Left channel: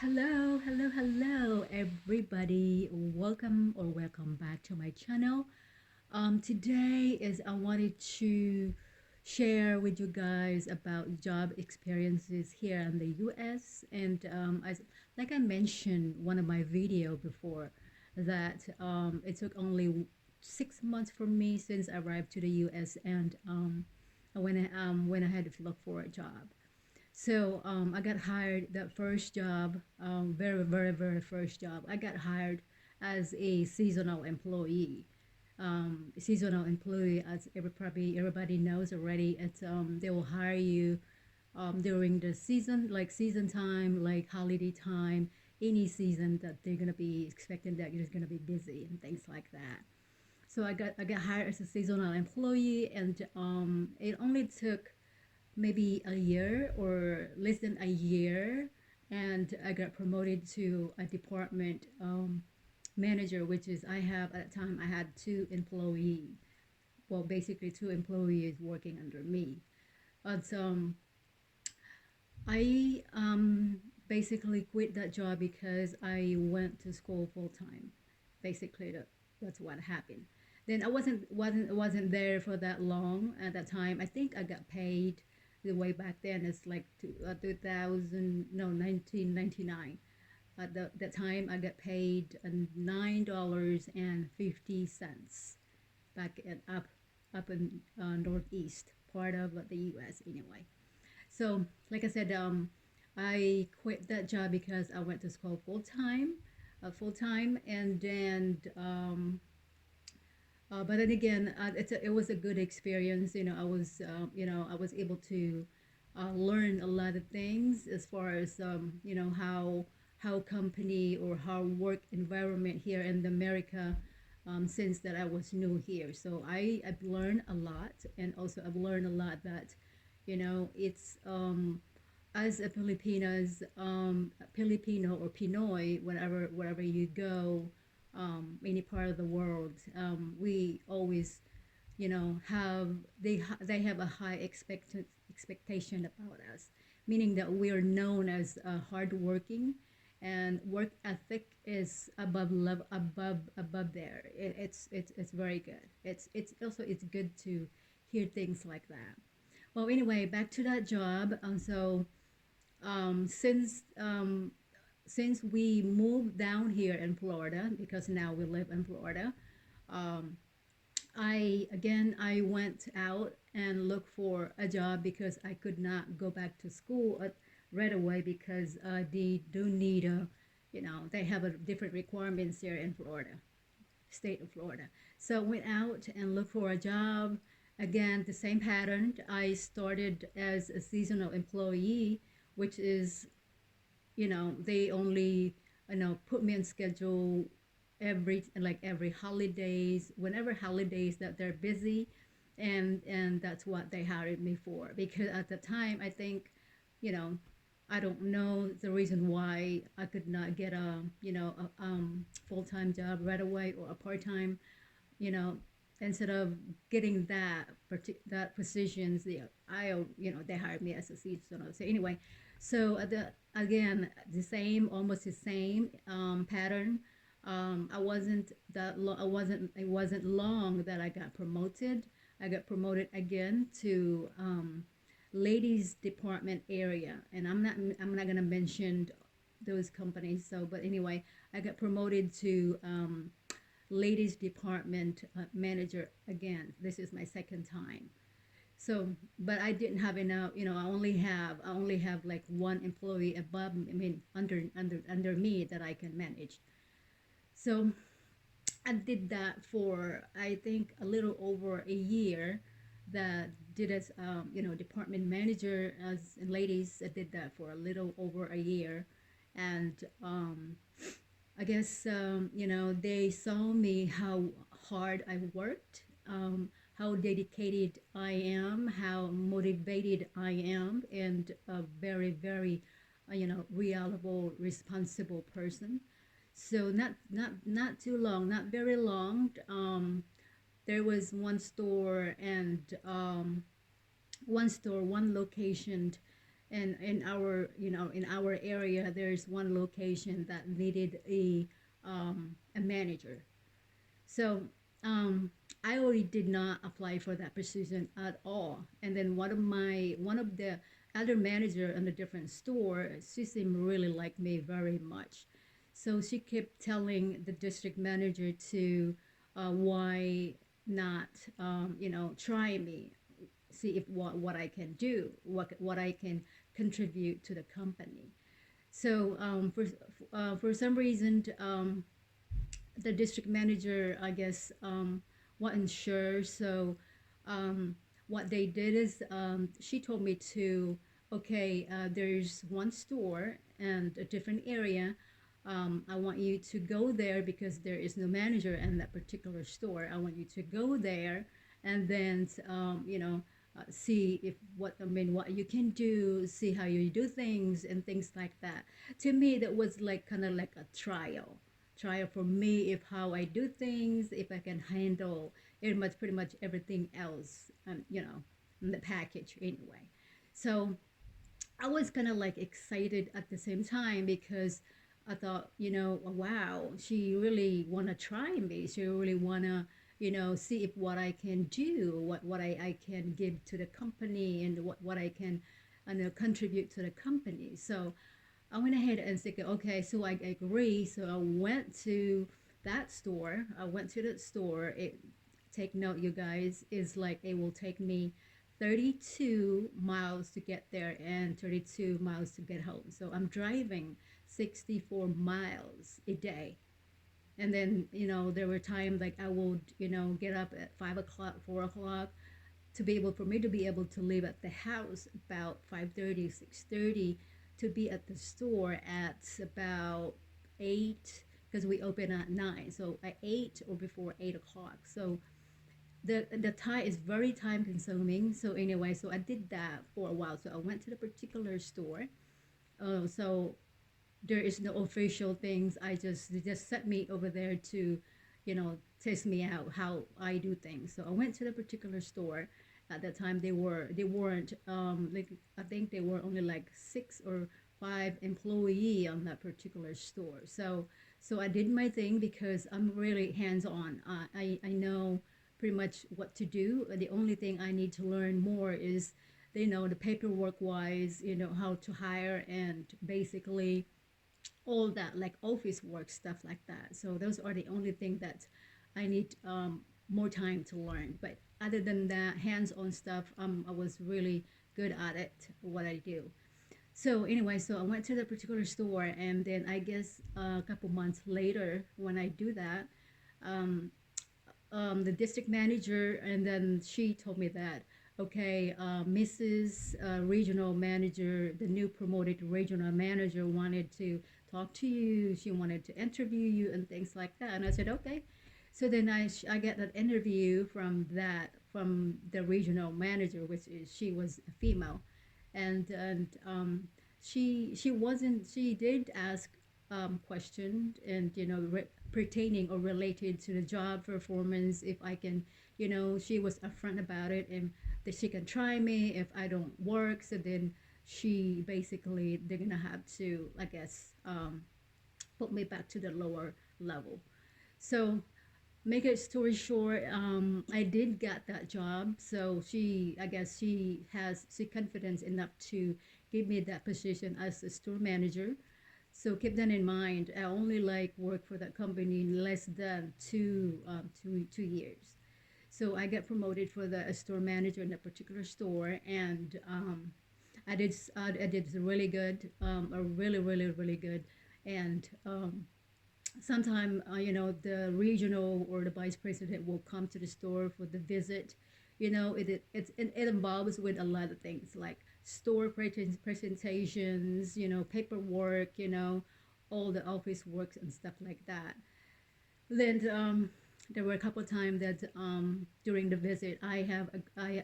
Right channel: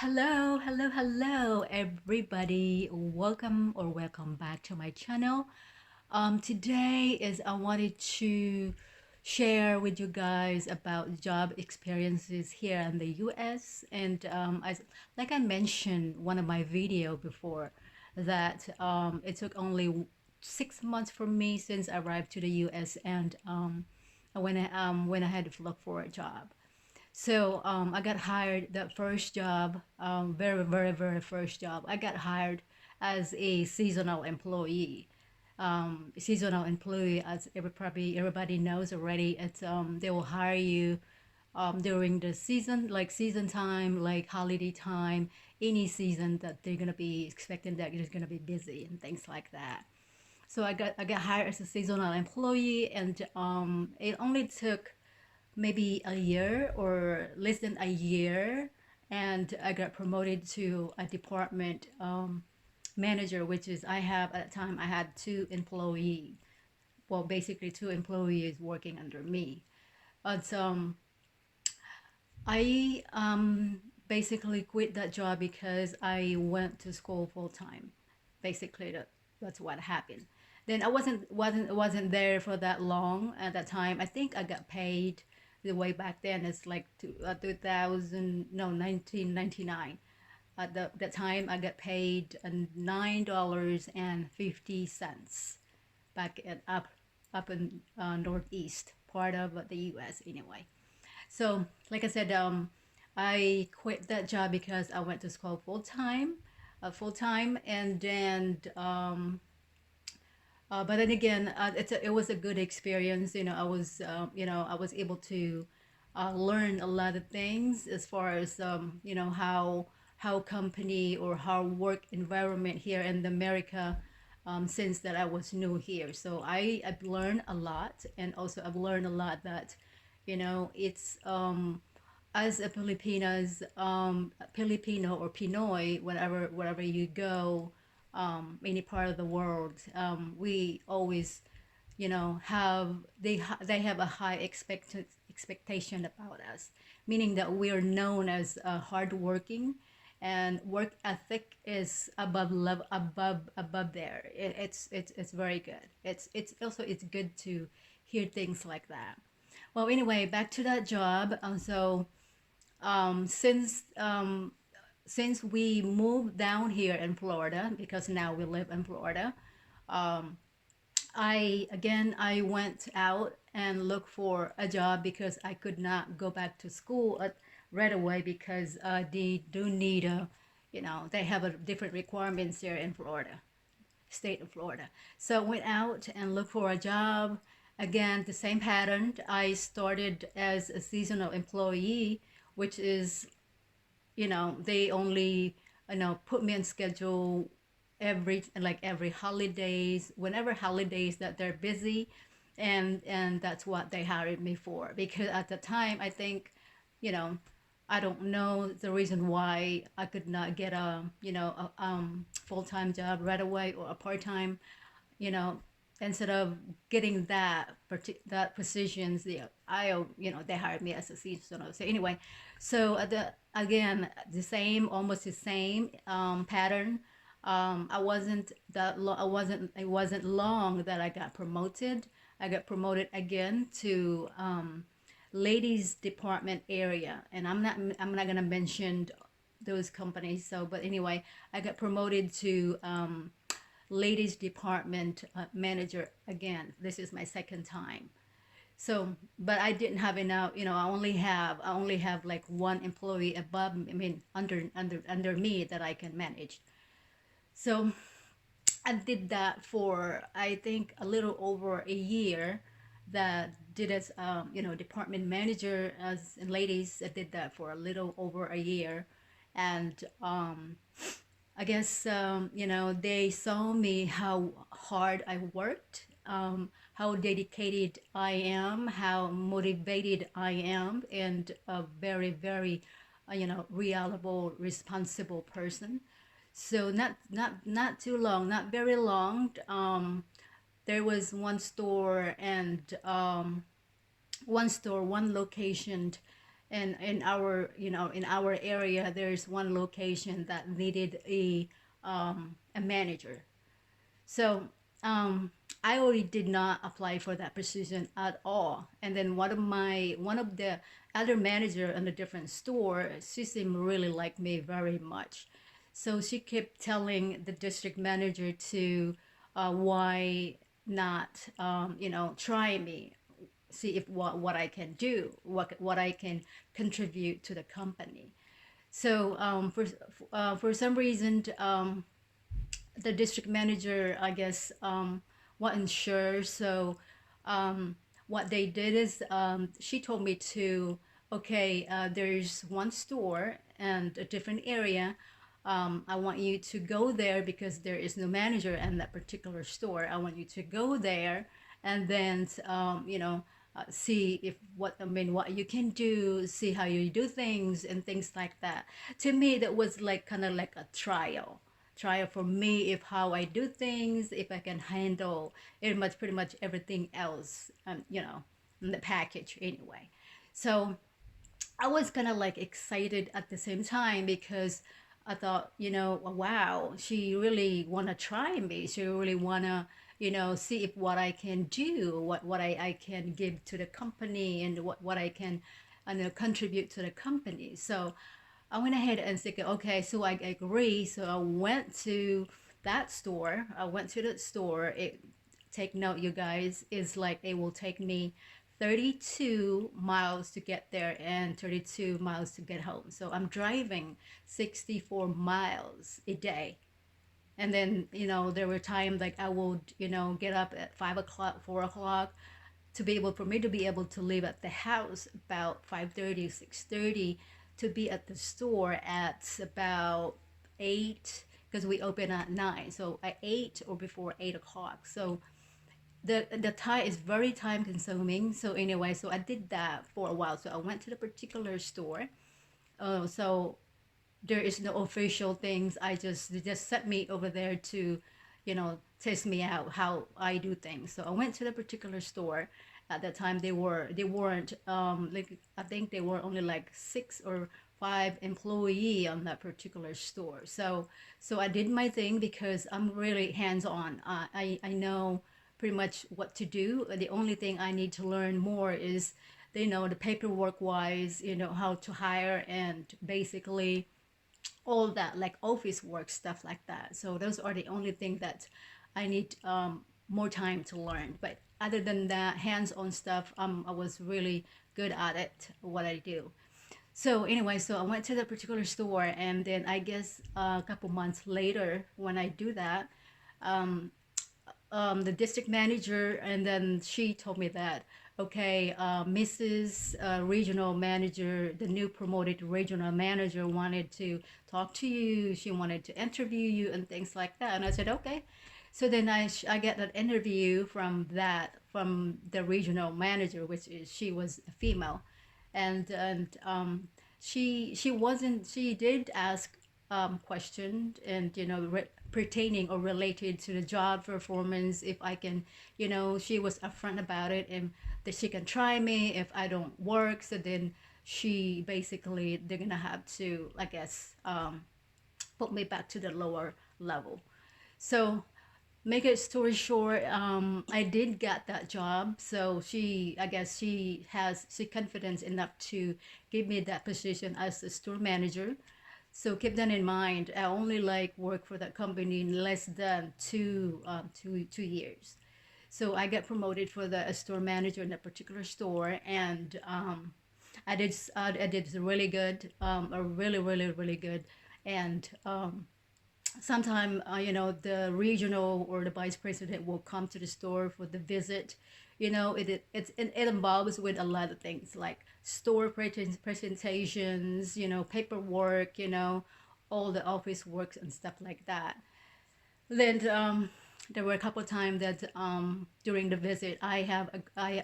Hello, everybody. Welcome back to my channel. Today is I wanted to share with you guys about job experiences here in the U.S. And like I mentioned one of my video before, that it took only 6 months for me since I arrived to the U.S. and when I had to look for a job. So I got hired that first job, very first job. I got hired as a seasonal employee. Seasonal employee, as everybody knows already, it's they will hire you during the season, like season time, like holiday time, any season that they're gonna be expecting that it's gonna be busy and things like that. So I got hired as a seasonal employee, and it only took maybe a year or less than a year, and I got promoted to a department manager, which is I have at the time I had two employees. Well, basically two employees working under me. But I basically quit that job because I went to school full time. Basically, that's what happened. Then I wasn't there for that long at that time. I think I got paid the way back then. It's like 2000, no, 1999. At that time, I got paid $9.50 back at up in northeast part of the U.S. anyway. So, like I said, I quit that job because I went to school full time, and then but then again, it was a good experience. I was able to learn a lot of things as far as how company or how work environment here in America. Since that I was new here, so I've learned a lot, and also I've learned a lot that it's as a Filipino or Pinoy, wherever you go, any part of the world, we always, have they have a high expectation about us, meaning that we are known as hardworking, and work ethic is above there. It's very good. It's also it's good to hear things like that. Well, anyway, back to that job. Um, since um, since we moved down here in Florida, because now we live in Florida, um, I went out and looked for a job because I could not go back to school right away, because they do need they have a different requirements here in Florida, state of Florida. So I went out and looked for a job. Again, the same pattern. I started as a seasonal employee, which is, they only, put me on schedule every holidays, whenever holidays that they're busy, and that's what they hired me for. Because at the time, I think, you know, I don't know the reason why I could not get a full-time job right away, or a part-time, you know, instead of getting that positions, they hired me as a seasonal. So anyway, so the same, almost the same pattern. I wasn't that long. It wasn't long that I got promoted. I got promoted again to ladies department area, and I'm not gonna mention those companies. So, but anyway, I got promoted to ladies department manager again. This is my second time. So, but I didn't have enough. I only have like one employee above. I mean, under me that I can manage. So I did that for, I think, a little over a year. That did as department manager as in ladies. I did that for a little over a year, and I guess they saw me how hard I worked, how dedicated I am, how motivated I am, and a very reliable, responsible person. So not too long, not very long. There was one store, and one location, And in our, in our area, there's one location that needed a manager. So um, I already did not apply for that position at all. And then one of the other manager in a different store, she seemed really like me very much. So she kept telling the district manager to why not, try me, see if what I can do, what I can contribute to the company. So for some reason, the district manager, I guess, wasn't sure. So what they did is, she told me to, okay, there's one store and a different area. I want you to go there because there is no manager in that particular store. I want you to go there and then, see if what you can do, see how you do things and things like that. To me, that was like kind of like a trial for me, if how I do things, if I can handle pretty much everything else, in the package anyway. So I was kind of like excited at the same time because I thought, wow, she really wanna try me. She really wanna, see if what I can do, what I can give to the company, and what I can, contribute to the company. So I went ahead and said, okay, so I agree. So I went to that store. I went to that store. Take note, you guys, is like it will take me 32 miles to get there and 32 miles to get home. So I'm driving 64 miles a day. And then, there were times like I would, get up at 5 o'clock, 4 o'clock, to be able for me to be able to leave at the house about 5:30, 6:30, to be at the store at about 8, because we open at 9, so at 8 or before 8 o'clock. So the time is very time consuming. So anyway, so I did that for a while. So I went to the particular store. So there is no official things. They just set me over there to, test me out how I do things. So I went to the particular store. At that time, they weren't, like, I think they were only like 6 or 5 employee on that particular store. So I did my thing because I'm really hands on. I know pretty much what to do. The only thing I need to learn more is, the paperwork wise, how to hire, and basically all that, like office work stuff like that. So those are the only thing that I need more time to learn. But other than that, hands-on stuff, I was really good at it, what I do. So anyway, so I went to that particular store, and then I guess a couple months later, when I do that, um, the district manager, and then she told me that, okay, Mrs. Regional Manager, the new promoted regional manager, wanted to talk to you. She wanted to interview you and things like that. And I said, okay. So then I get that interview from the regional manager, which is, she was a female, and she did ask question, and pertaining or related to the job performance, if I can, she was upfront about it, and that she can try me if I don't work. So then she basically, they're gonna have to, I guess, put me back to the lower level. So make a story short, I did get that job. So I guess she confidence enough to give me that position as a store manager. So keep that in mind. I only like work for that company in less than 2 years. So I got promoted for the store manager in a particular store, and I did really good, really really really good, and sometime, the regional or the vice president will come to the store for the visit. It involves with a lot of things like store presentations, paperwork, all the office works and stuff like that. Then there were a couple of times that during the visit, I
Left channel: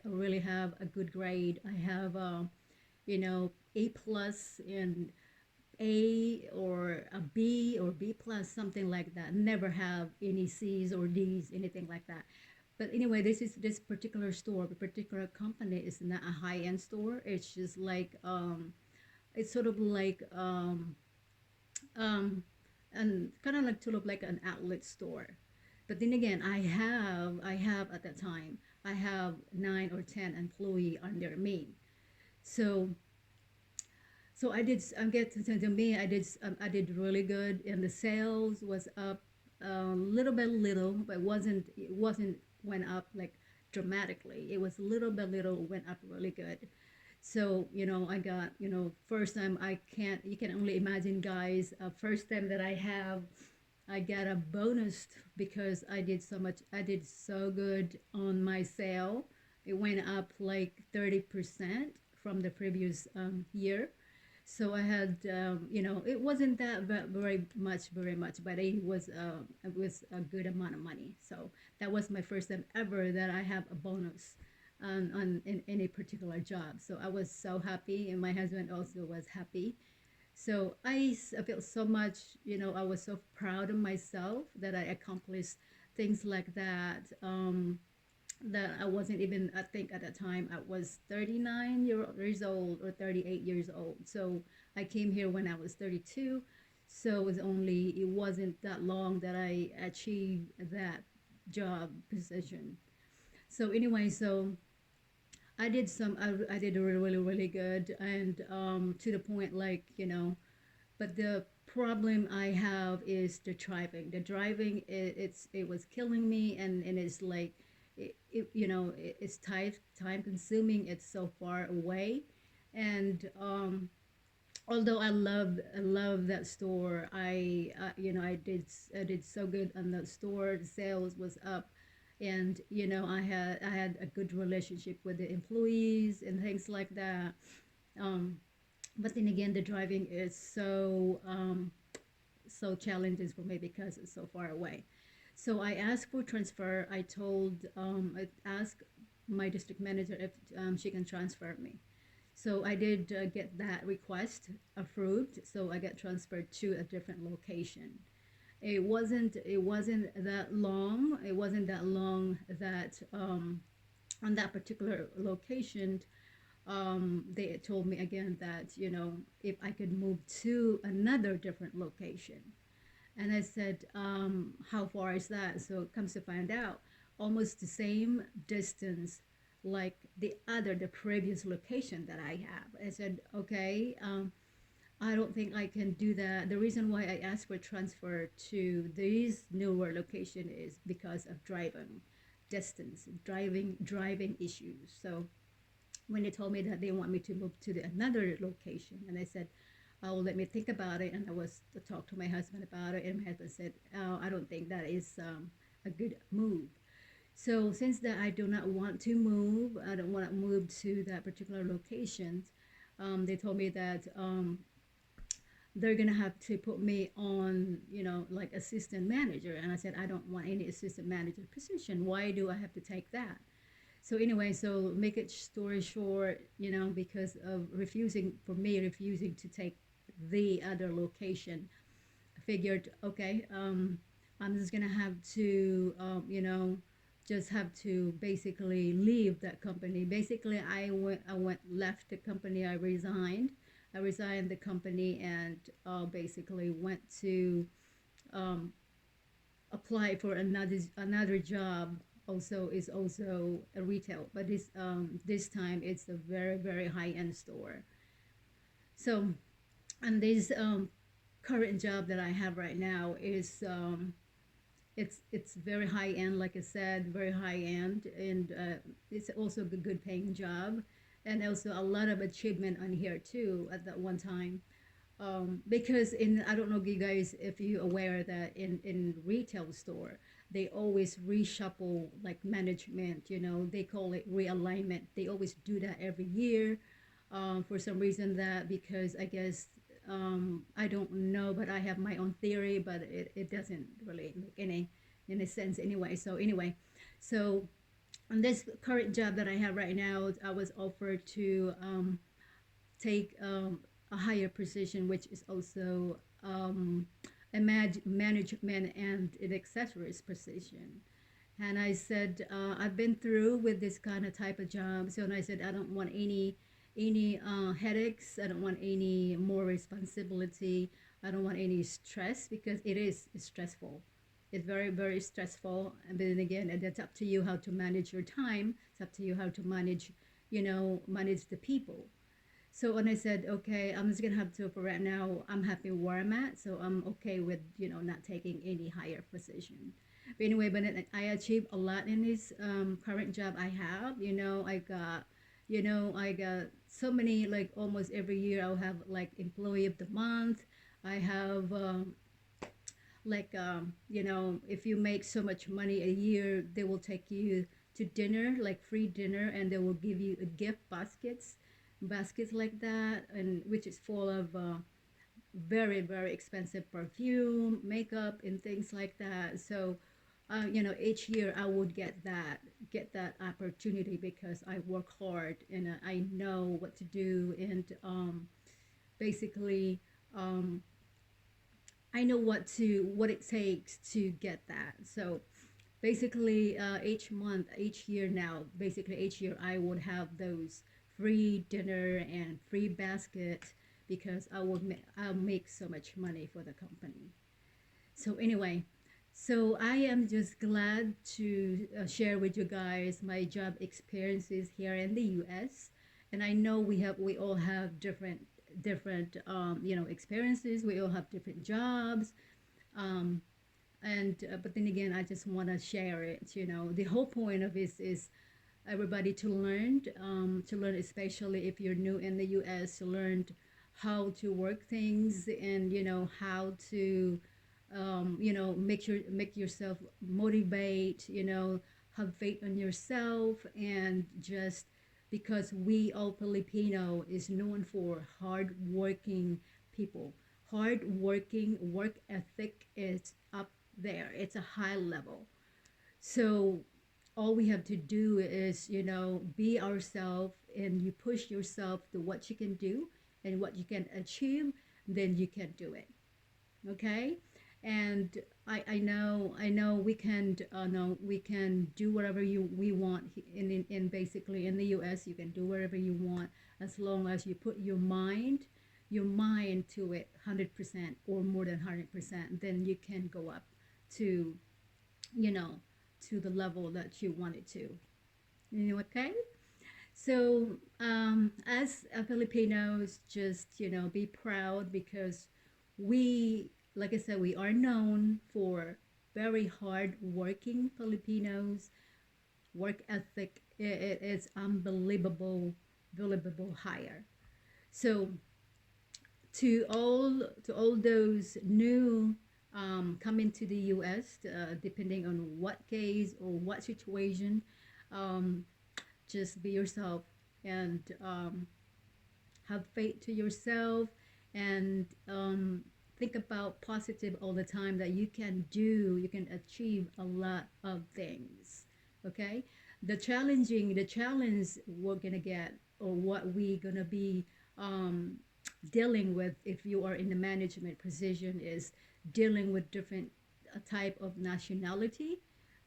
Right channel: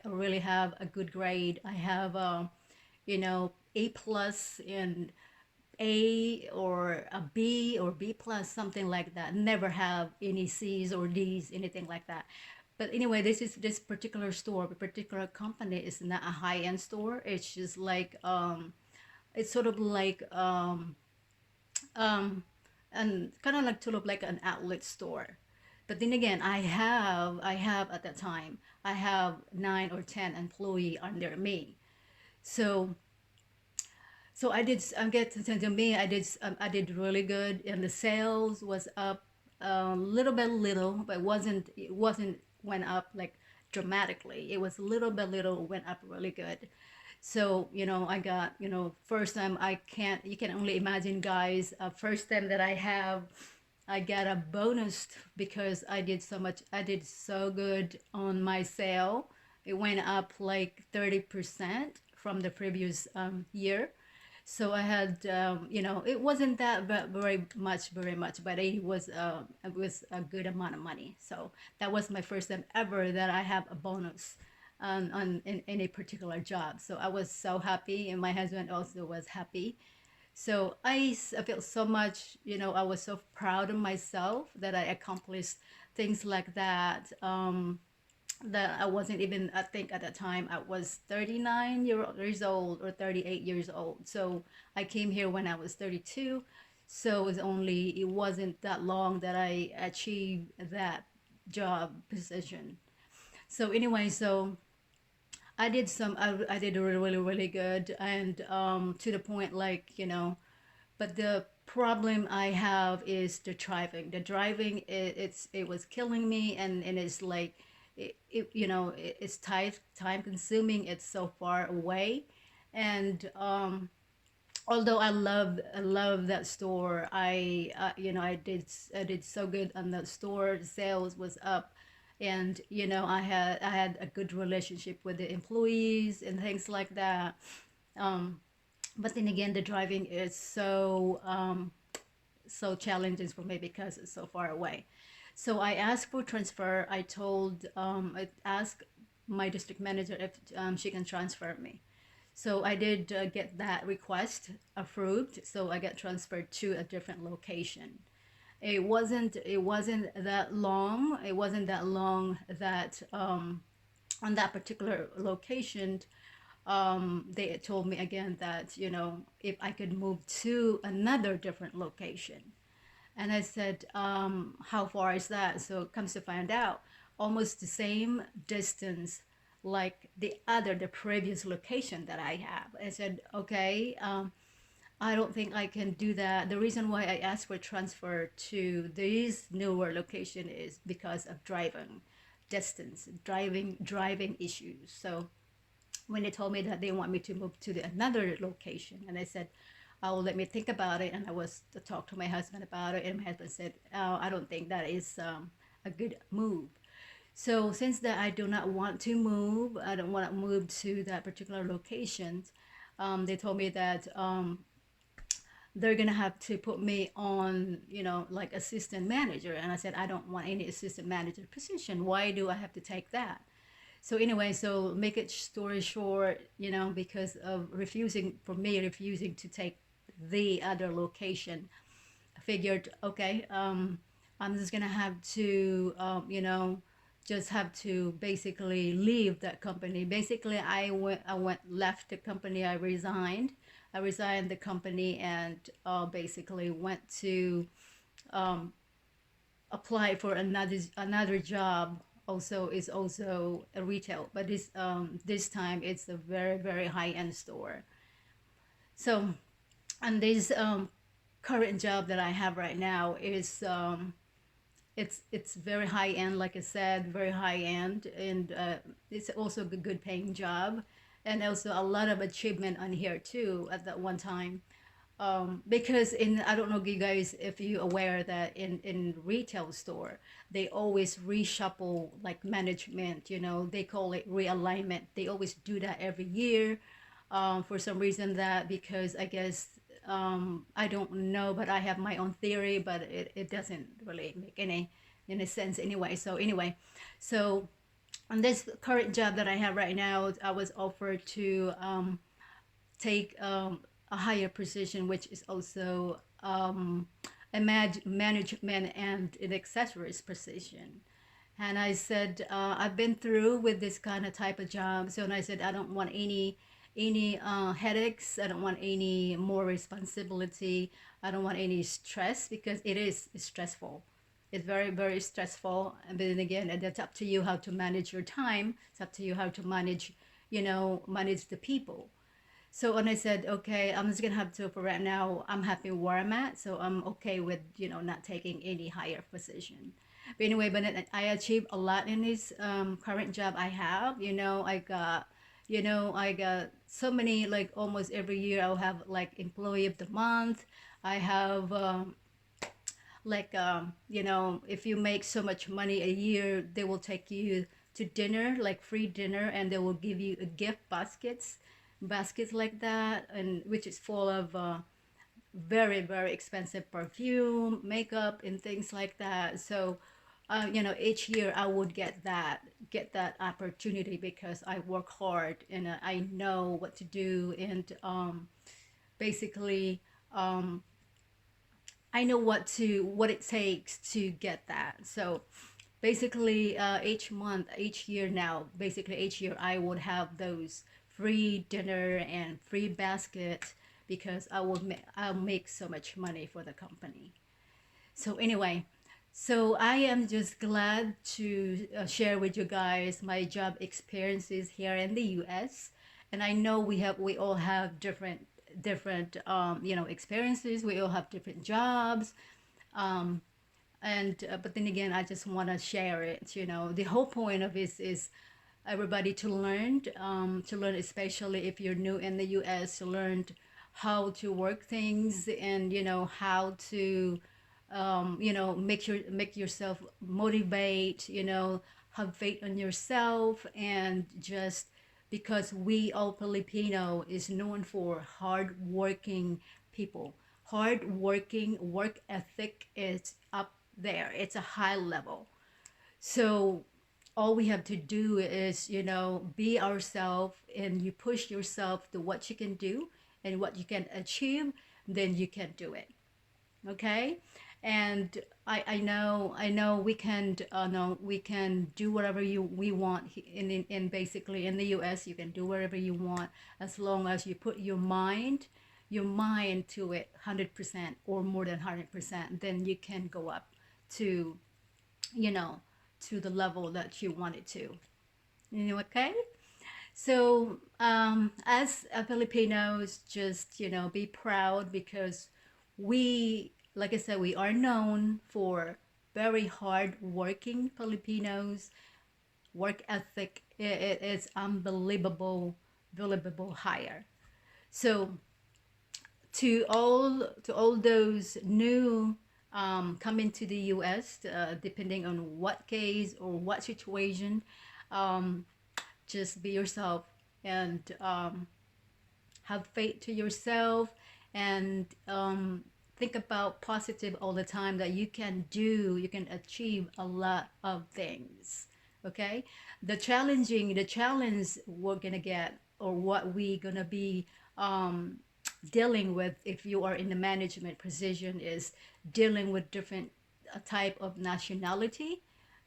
really have a good grade. I have A plus in A or a B or B plus, something like that. Never have any C's or D's, anything like that. But anyway, this particular store, the particular company is not a high end store. It's just like it's sort of like um and kind of like to look like an outlet store. But then again, I have at that time I have 9 or 10 employee under me. So I did. I get to me. I did really good, and the sales was up a little, but it wasn't went up like dramatically. It was little went up really good. So I got first time I can't. You can only imagine, guys. First time that I got a bonus because I did so much. I did so good on my sale. It went up like 30% from the previous year. So I had, it wasn't that very much, but it was a good amount of money. So that was my first time ever that I have a bonus on in any particular job. So I was so happy, and my husband also was happy. So I felt so much, I was so proud of myself that I accomplished things like that. That I wasn't even, I think at that time I was 39 years old or 38 years old. So I came here when I was 32. So it wasn't that long that I achieved that job position. So anyway, so I did really good, and to the point, like, but the problem I have is the driving. The driving, it was killing me, and it's like it's time consuming. It's so far away, and although I love that store, I did so good on that store. The sales was up, and I had a good relationship with the employees and things like that. um but then again, the driving is so challenging for me because it's so far away. So I asked for transfer. I asked my district manager if she can transfer me. So I did get that request approved. So I got transferred to a different location. It wasn't that long. It wasn't that long that on that particular location, they told me again that if I could move to another different location. And I said, how far is that? So it comes to find out, almost the same distance like the previous location that I have. I said, okay, I don't think I can do that. The reason why I asked for transfer to this newer location is because of driving distance, driving issues. So when they told me that they want me to move to another location, and I said, oh, let me think about it, and I was to talk to my husband about it, and my husband said, oh, I don't think that is a good move. So since that I do not want to move, I don't want to move to that particular location. They told me that they're gonna have to put me on, like assistant manager. And I said, I don't want any assistant manager position. Why do I have to take that? So anyway, so make it story short, because of refusing to take the other location, I figured, okay, I'm just gonna have to, just have to basically leave that company. Basically, I went left the company. I resigned the company, and basically went to um, apply for another job. Also, is also a retail, but this time it's a very high end store. So, and this current job that I have right now is it's very high end, like I said, very high end, and it's also a good paying job, and also a lot of achievement on here too at that one time. Because I don't know, you guys, if you aware that in retail store they always reshuffle like management. They call it realignment. They always do that every year. For some reason, that because I guess, I don't know, but I have my own theory, but it doesn't really make any sense anyway. So anyway, so on this current job that I have right now, I was offered to take a higher position, which is also a management and an accessories position. And I said, I've been through with this kind of type of job. So, and I said, I don't want any headaches. I don't want any more responsibility. I don't want any stress because it is stressful. It's very, very stressful. And then again, and it's up to you how to manage your time. It's up to you how to manage, manage the people. So and I said, okay, I'm just gonna have to for right now. I'm happy where I'm at, so I'm okay with not taking any higher position. But anyway, but then I achieved a lot in this current job I have. I got so many like almost every year I'll have like employee of the month. I have if you make so much money a year, they will take you to dinner, like free dinner, and they will give you a gift baskets like that, and which is full of very very expensive perfume, makeup, and things like that. So each year I would get that opportunity because I work hard and I know what to do, and basically um, I know what it takes to get that. So basically, each month, each year now, basically each year I would have those free dinner and free basket because I'll make so much money for the company. So anyway, so I am just glad to share with you guys my job experiences here in the U.S. And I know we all have different experiences. We all have different jobs. Um, and but then again, I just want to share it. The whole point of this is everybody to learn, especially if you're new in the U.S., to learn how to work things, and how to make yourself motivate, have faith in yourself, and just because we all Filipino is known for hard working people. Hard working work ethic is up there. It's a high level. So all we have to do is, be ourselves, and you push yourself to what you can do and what you can achieve, then you can do it. Okay. And I know we can no we can do whatever we want in basically in the US. You can do whatever you want as long as you put your mind to it 100% or more than 100%. Then you can go up to you know to the level that you wanted to. Okay. So as a Filipinos, just be proud because like I said, we are known for very hard working Filipinos. Work ethic it is unbelievable higher. So to all those new coming to the U.S., depending on what case or what situation, um, just be yourself, and have faith to yourself, and think about positive all the time, that you can achieve a lot of things. Okay. The challenge we're gonna get, or what we gonna be um, dealing with if you are in the management position, is dealing with different type of nationality,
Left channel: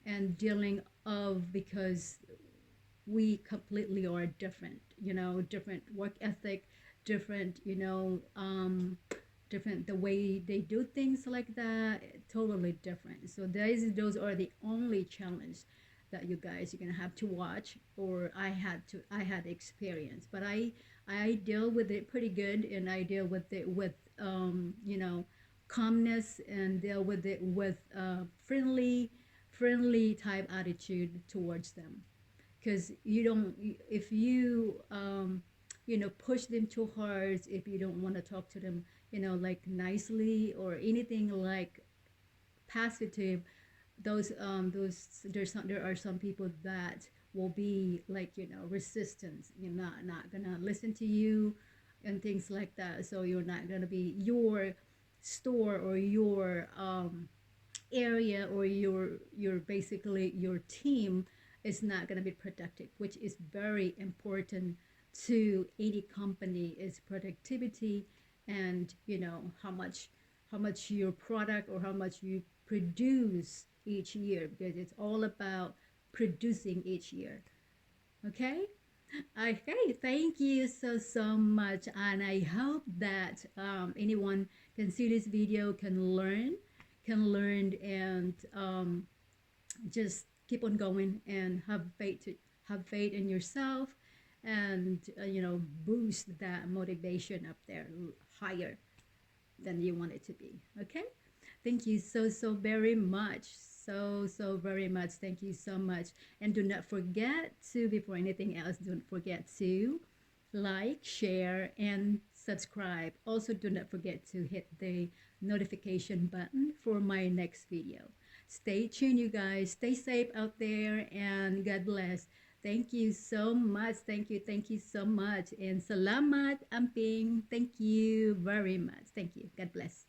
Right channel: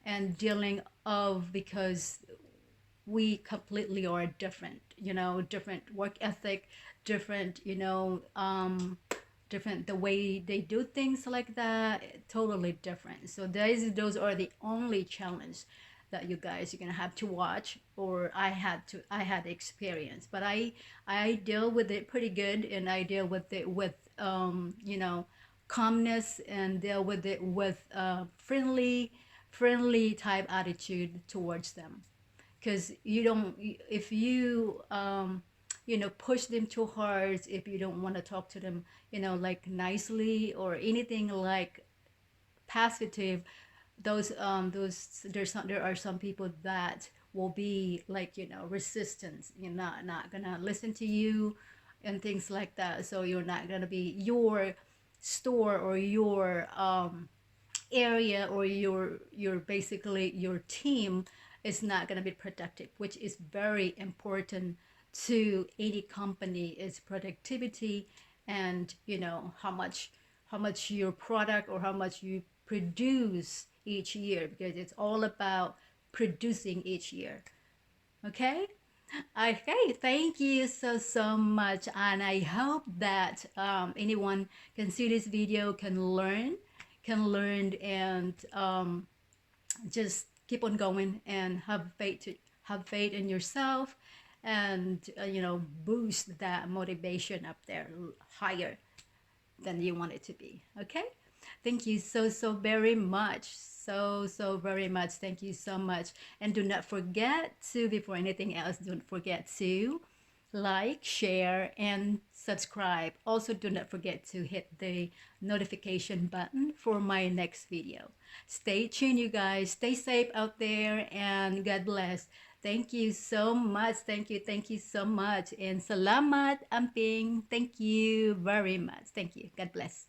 and dealing of because we completely are different, different work ethic, different, different the way they do things like that, totally different. So those are the only challenge that you guys are gonna have to watch, or I had experience, but I deal with it pretty good, and I deal with it with calmness, and deal with it with friendly type attitude towards them, because you don't if you push them too hard, if you don't want to talk to them like nicely or anything like positive, there are some people that will be like resistance, you're not gonna listen to you and things like that. So you're not gonna be your store or your area, or your basically your team is not going to be productive, which is very important to any company, is productivity, and how much your product or how much you produce each year, because it's all about producing each year. Okay. Okay, thank you so much, and I hope that anyone can see this video, can learn, and just keep on going and have faith in yourself, and boost that motivation up there higher than you want it to be. Okay, thank you so very much, so very much. Thank you so much, and do not forget to, before anything else, don't forget to like, share, and subscribe. Also, do not forget to hit the notification button for my next video. Stay tuned, you guys. Stay safe out there, and God bless. Thank you so much. Thank you so much. And salamat, amping. Thank you very much. Thank you. God bless.